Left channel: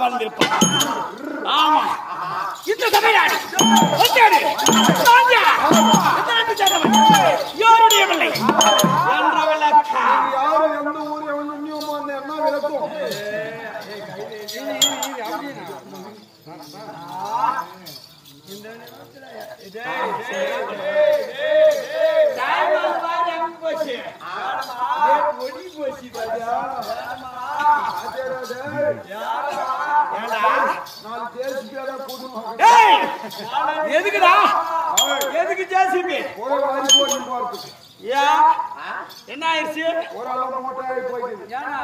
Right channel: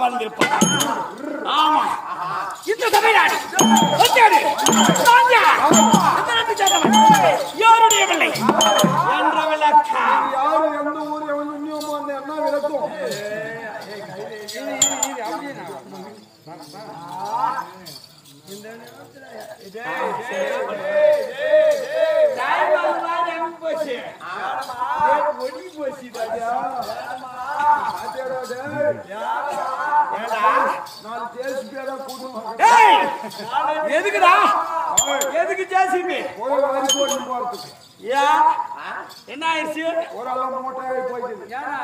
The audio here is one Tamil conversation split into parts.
வாழ்ந்திருப்பார். ஆமா, இந்த தமிழ்நாடு யாருடைய பிள்ளை என்ற விளக்கம் யாரு எந்த ஊர் எவன் இன்னும் என்ன விளக்கும் எதுக்குடா எதுக்கு ஜேசிபி என்ன ஆயிடுச்சு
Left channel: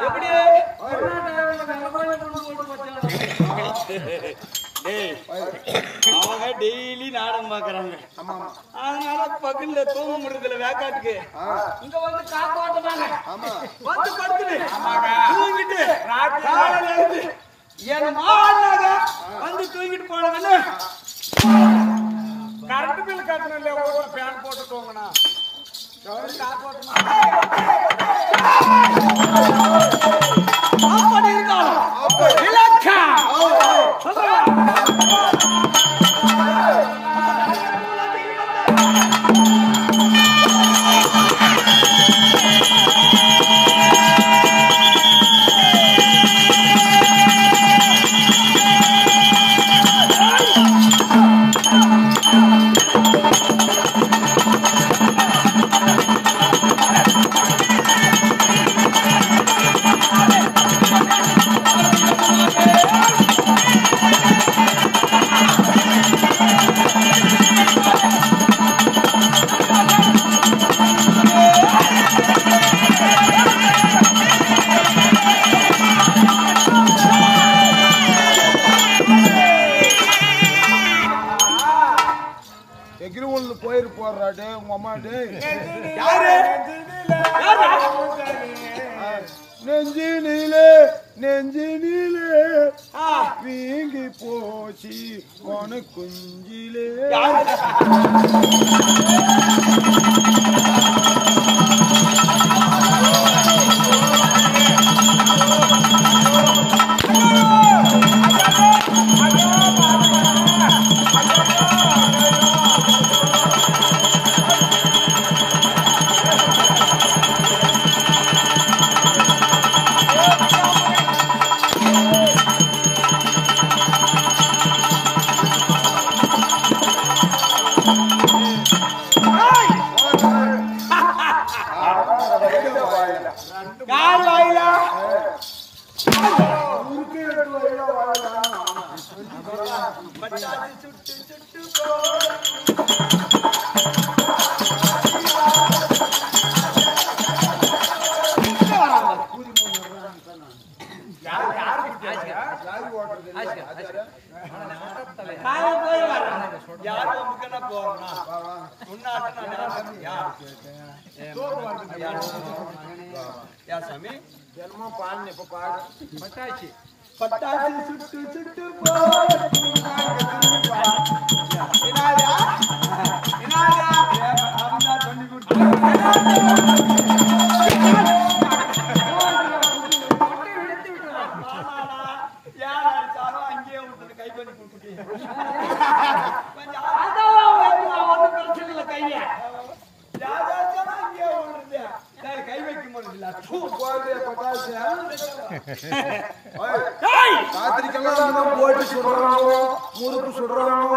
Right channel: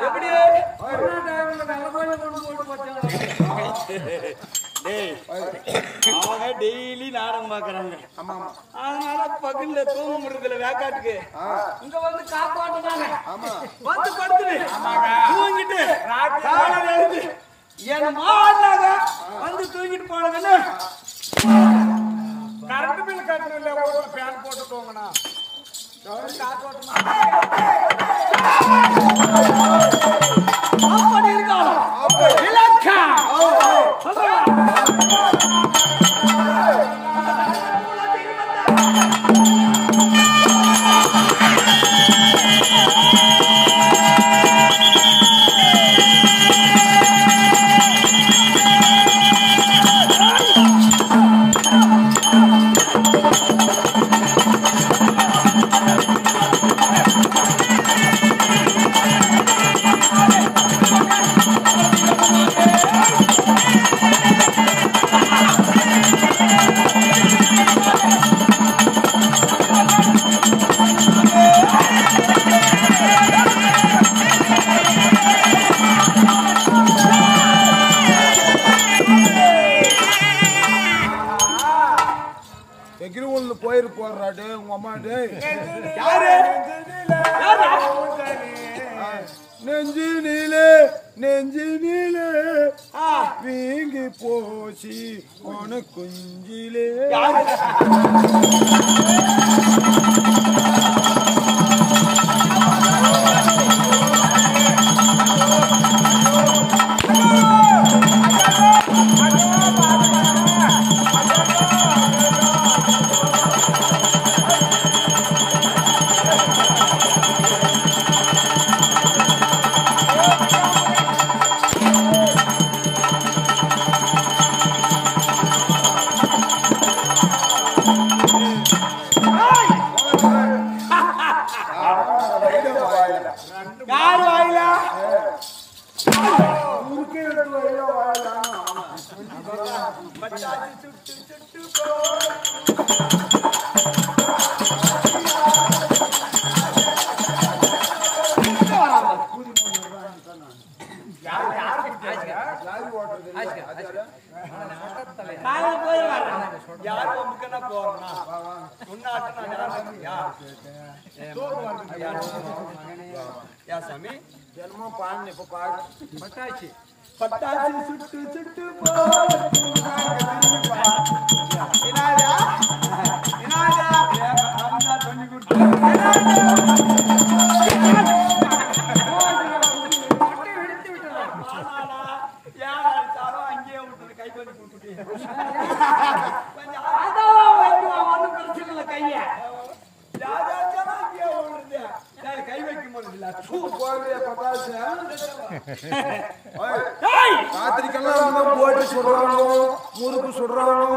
எப்படி அவங்க டெய்லி நாடகம் பாக்குறாங்க அதனால பக்கத்துல தூங்க முடியல வேக்காட்டுக்கு இங்க வந்து காப்பாட்டுனாங்க வந்து படுத்துட்டு தூங்கிட்டு எழுந்து எங்க மாவாடினாங்க வந்து தூங்கிட்டு போனதுன்னு கரண்ட் பில் கட்டணும் இல்லையா வீட்டுல ஃபேன் போட்டு தூங்கினா அப்படி இருக்காலும் போயிரு போறாடே உங்க அம்மாடே நெஞ்சு நீலே வீங்கி போசி உன குஞ்சிலே யார் வாயிலா சுட்டு சுட்டு சாமி பாடு இப்ப பாடு பட்டாச்சு பட்டாச்சு சுட்டு சுட்டு சொல்லி கொடுத்து யார் அடிச்சாலும் அங்கேயே விட்டு கை பண்ணி கொடுத்துட்டு ஒன்னும் பிரச்சனை இல்லை கைய யார் அடிச்சாலும் அங்கேயே விடுறது சரி கை வைக்க முடியல ராத்திரிக்கெல்லாம் போட்டு சுடுறாங்க முறுக்கு சுடுறாங்க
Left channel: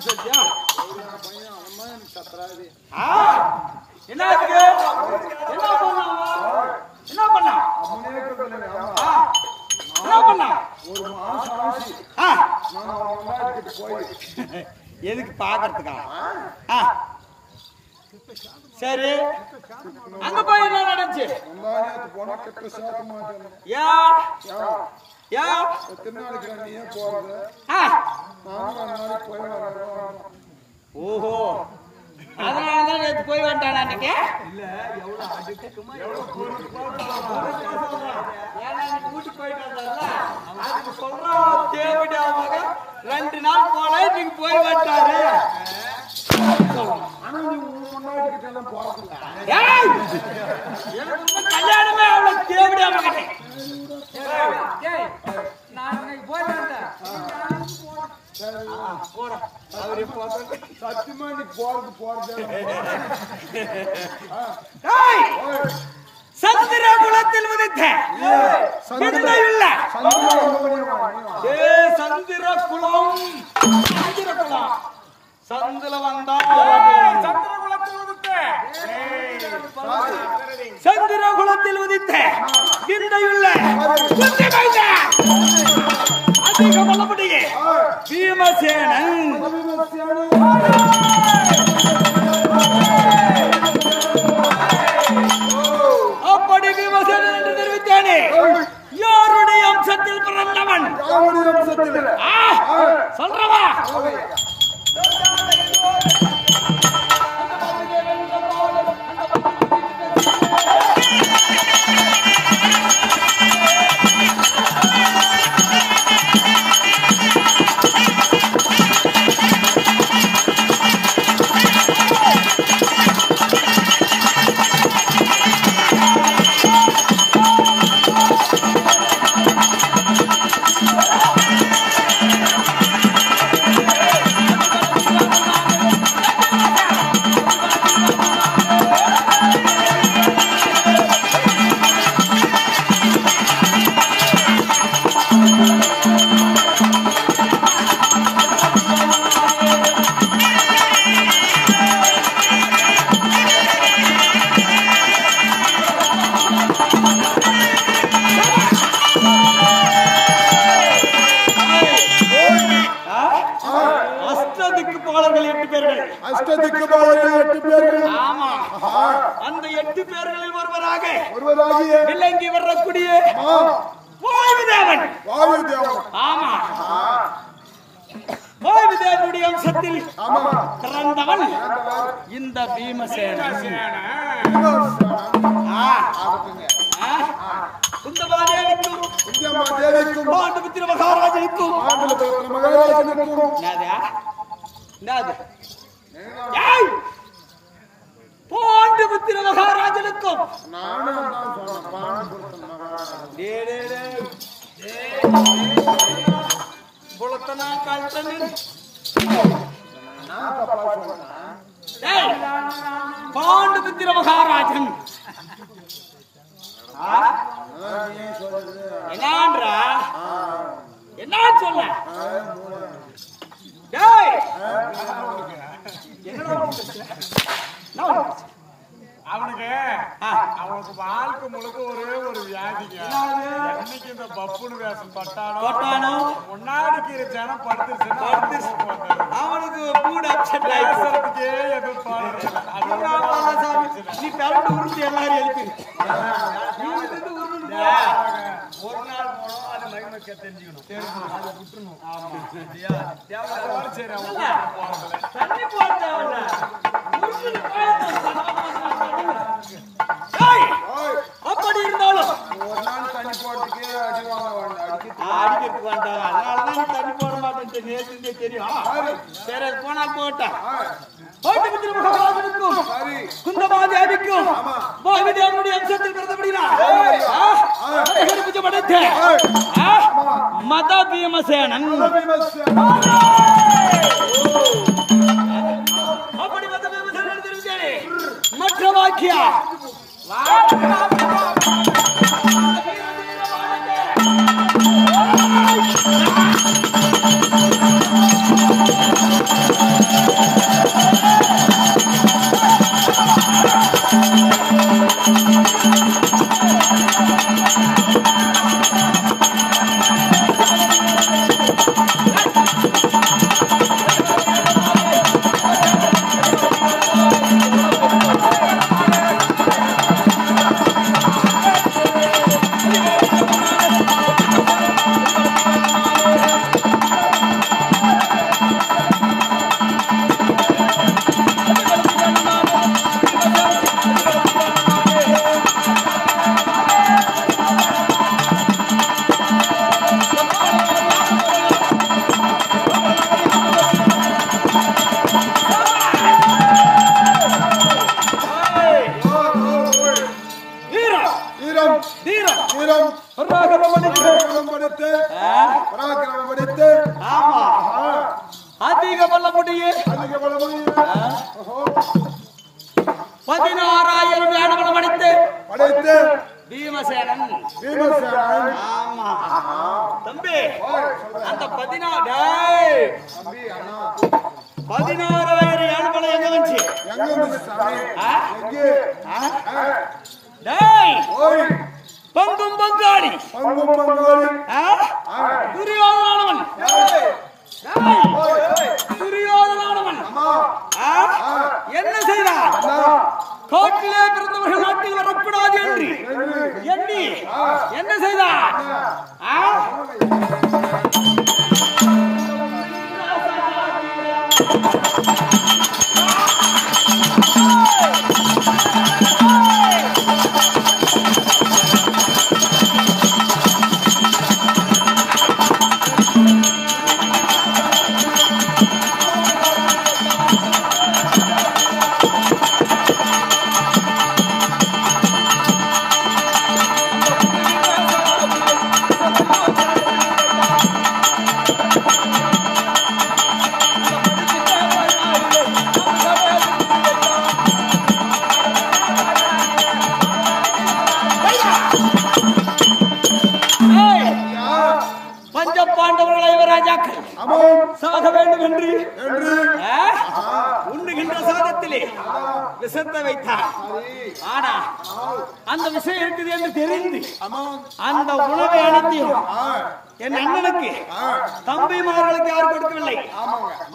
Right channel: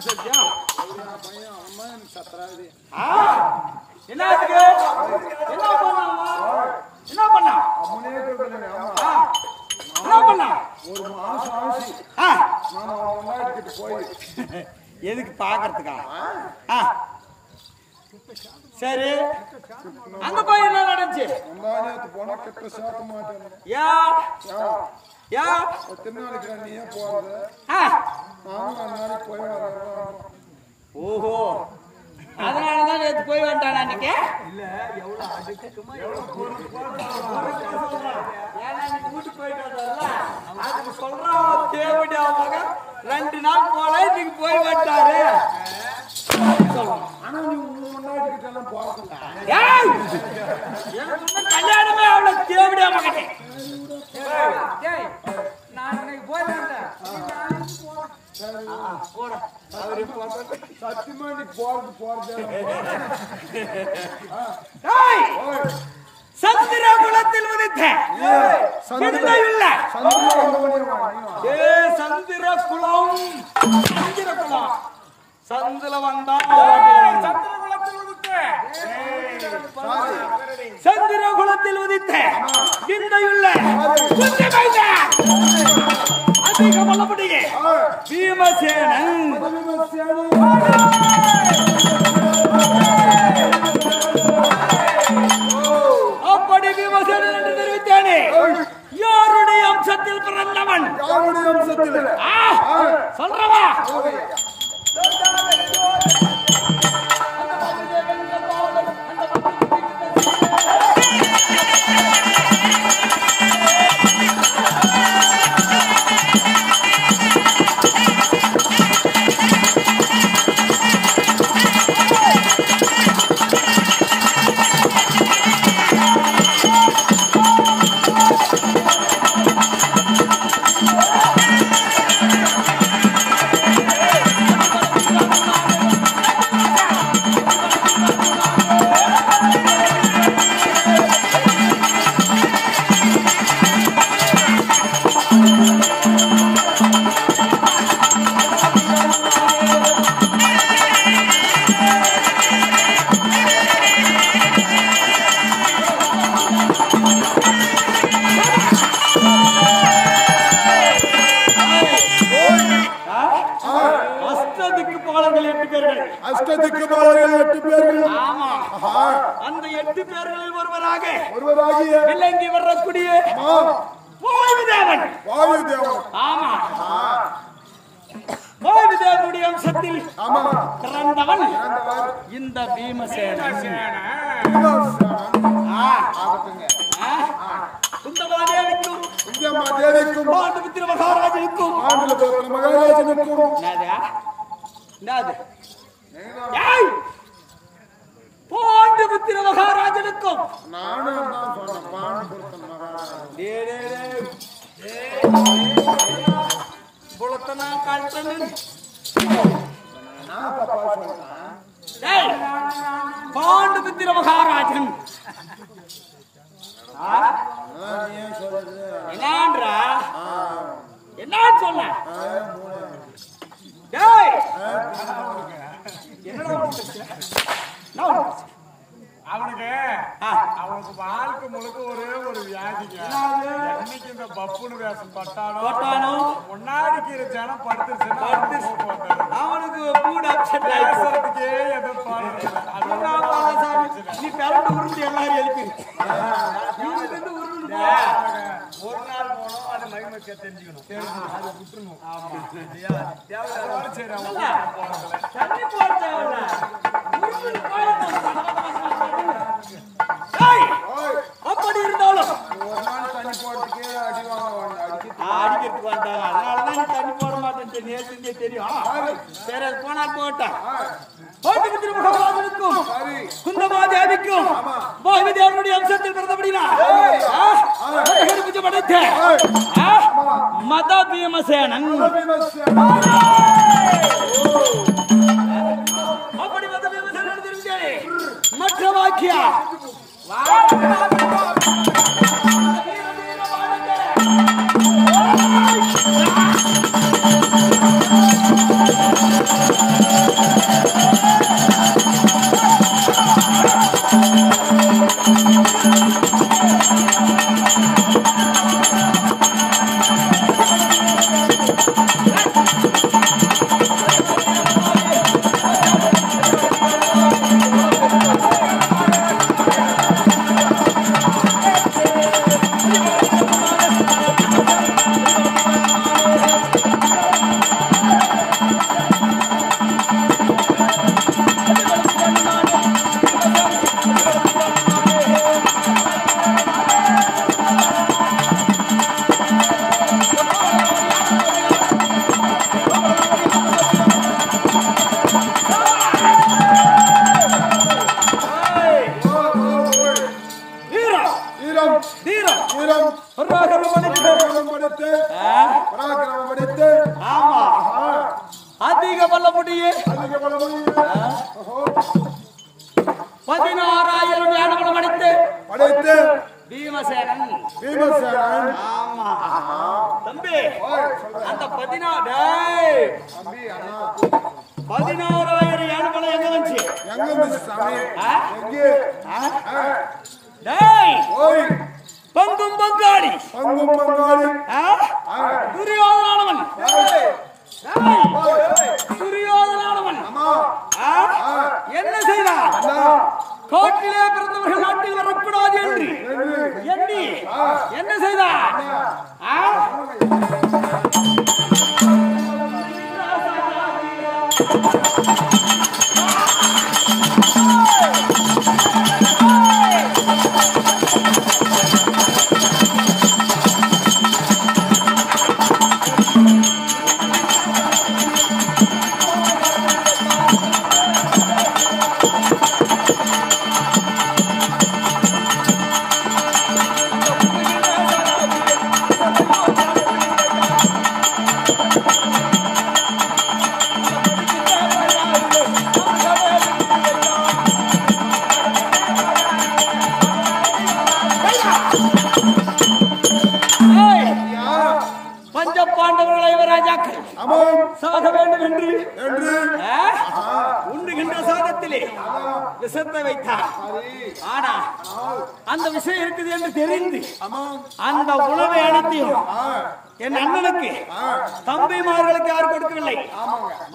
சொல்லியா என்ன பண்ணா என்ன பண்ணா ஒரு மாசம் ஆச்சு போய் எதுக்கு பாக்குறதுக்கா சரி அங்க போய் என்ன நடந்துச்சு போனா கெட்ட சாத்த மாட்டேன் திருநாளைக்கு நீ ஏன் போறது நானும் நாளைக்கு போய் ஓஹோ அதனாலதான் சொன்னா நேத்து போய் வந்துட்டான் அன்னைக்கு. இல்ல எவ்வளவு அதுக்குமா எவ்வளவு பொறுப்பா சொல்றான். ஏன்னா நீ வீட்டுக்கு போயிட்டு வந்தாருல அதுக்கு சொல்றான் அவன் தேவடி அவன் மகன் 2 நாள் போல இன்னைக்கு போய் வந்துட்டாரு. ஆனா நீ முன்னாடி கிட்ட எல்லாம் போறதில்ல. எனக்கு இன்னும் கல்யாணமே அவளை தேவடியா மகனே. நான் இன்னைக்கு போய் வந்துட்டேன். போட அவரே போட்ட சத்தியமா நீ போறது சந்திர குலத்தில் உதித்த சிந்தையுள்ள சந்திர குலம் சந்திர வந்தா சந்திர குலத்தில் உதித்த சந்திர குலத்தில் உதித்த சிந்தையுள்ள அதிக வல்லபடியே பீமசேனன் அப்படி பீமசேனன் என்று தெரிவித்தானே யாருடைய அம்சத்தில் பிறந்தவன் சொல்றவா அந்த 8 பேர்களில் ஒருவராக விளங்கி வரக்கூடிய வாயுதேவன். ஆமா வாயுதேவனுடைய அம்சத்தில் பிறந்தவன் இந்த பீமசேனன். குந்தமாதேவிக்கும் பாண்டுபுத்திர மகாராஜனுக்கும் பாண்டுபுத்திர மகாராஜனுக்கும் புலத்தனா கல்பனன் பாண்டுபுத்திர மகாராஜன் என்னன்றா என்ன சொல்ல அவனுக்கு வாழ்க்கை முழுக்க ஒரே ஒரு வியாதிங்க. என்னைக்கு இந்த பப்புனு வேஷம் தொட்டானோ முன்னாடிக்கு ஜனம் படுத்துருச்சுன்னா அவனுக்கு பேசுறதுக்கே எதுவும் தோணுறதில்ல. நீ பிறந்து உருண்டு எல்லாரும் எழுப்பி ஒரு நாள் போனோம் அது மகிமைக்க தெரிஞ்சுக்கணும், அது விட்டுருணும். ஆமா சரி அவங்க போறதுல தண்ணி போட தேவையில்ல அப்படி இருந்தாலும் ஒரு நாள் தண்ணி போறதுக்கு அடிக்கிறதுக்கு வந்தாங்க. அதனாலதான் நீ தண்ணி போட மாட்டேன் நேற்று தெரியும். சரி அது போனால் போட்டேன். பாண்டுபுத்திர மகாராஜனுக்கும் குந்தமாதேவிக்கும் வாயுதேவனுடைய அம்சத்தில் பிறந்தபடினா படைத்த மத பீமசேனன். அப்படி மத பீமசேனன் தெரிவித்தாரே மற்ற வாக்கியா கொள்ள முடியும்? அதிக கொள்ள முடியும். ஓஹோ. 16,000 யானைகளும் அடித்து படைத்து பீமசேனன். பீமசேனன். ஆமா தம்பி, அந்த 16,000 யானைகளை எங்க வந்துச்சு? எங்க இருந்துச்சு சாமி? எங்கே? டேய், ஓய், பங்கும் பங்காளி பங்கும் பங்காளி. துரியோதனானவன். ஏய், துரியோதனானவன் அம்மா, என்ன செய்தான்? அண்ணா, கோட்டிலே பிறந்தவர்கள் நாட்டில் வரக்கூடாது என்று எண்ணி என்ன செய்தான்? பஞ்ச பாண்டவர்கள் ஐவராஜாக்கள் சாக வேண்டும் என்று உண்ணுகின்ற சாதத்திலே விஷத்தை வைத்தார். ஆனா அந்த விஷயம் இருக்குது என்று தெரிந்து அந்த உணவை அனைத்தையும் என் அண்ணனுக்கு தம்பிமார்களுக்கு யாரும் கொடுக்கவில்லை.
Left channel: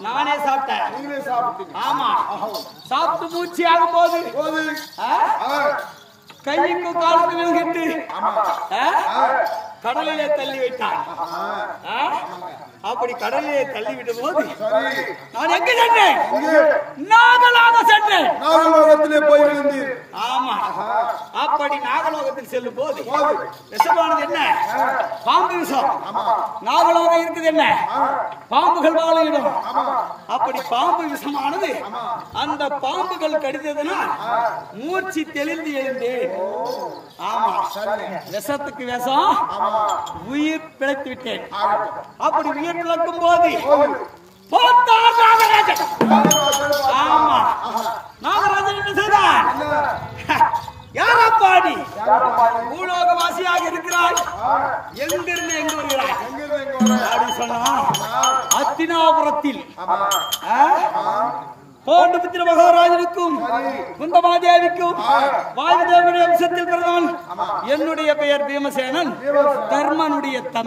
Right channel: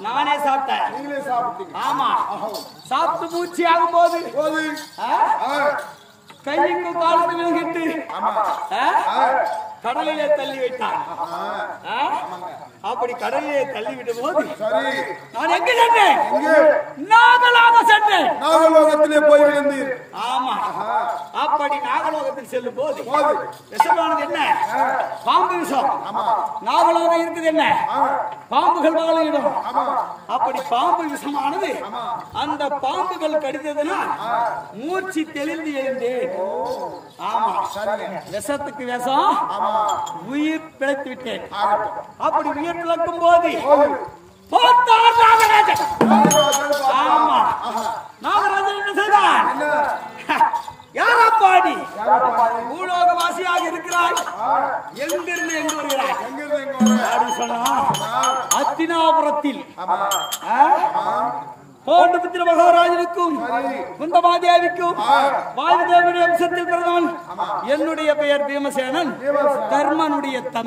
நானே சாப்பிட்டேன். ஆமா, சாப்பிட்டு மூச்சு ஆகும் போது கைக்கும் காலுக்கு விழுகிட்டு கடலிலே தள்ளி வைத்தான். அப்படி கடலிலே தள்ளி விடும் போது நான் எங்க சென்றேன்? நாகலோக சென்றேன். நாகலோகத்திலே போயிருந்தீர். ஆமா, அப்படி நாகலோகத்தில் செல்லும் போது விஷமானது என்ன? பாம்பு விஷம். நாகலோகம் இருக்குது என்ன? பாம்புகள் வாழுகிறோம். அப்படி பாம்பு விஷமானது அந்த பாம்புகள் கடித்ததுனால் மூச்சு தெளிந்து எழுந்தேன். ஆமா, விஷத்துக்கு விஷம், உயிர் பிழைத்து விட்டேன். அப்படி உயிர் பிழைக்கும் போது போத்தார் நாகராஜன். ஆமா, நாகராஜன் என்ன செய்தான்? யாரப்பாடி பூலோகவாசியாக இருக்கிறாய், எங்கிருந்து எங்கு வருகிறாய் அப்படி சொன்னா அத்தினாபுரத்தில் கோண்டபுத்திர மகாராஜனுக்கும் குந்தமாதேவிக்கும் வாயுதேவனுடைய வம்சத்தில் பிறந்தவன். என்னுடைய பெயர் பீமசேனன், தர்மனுடைய தம்பி.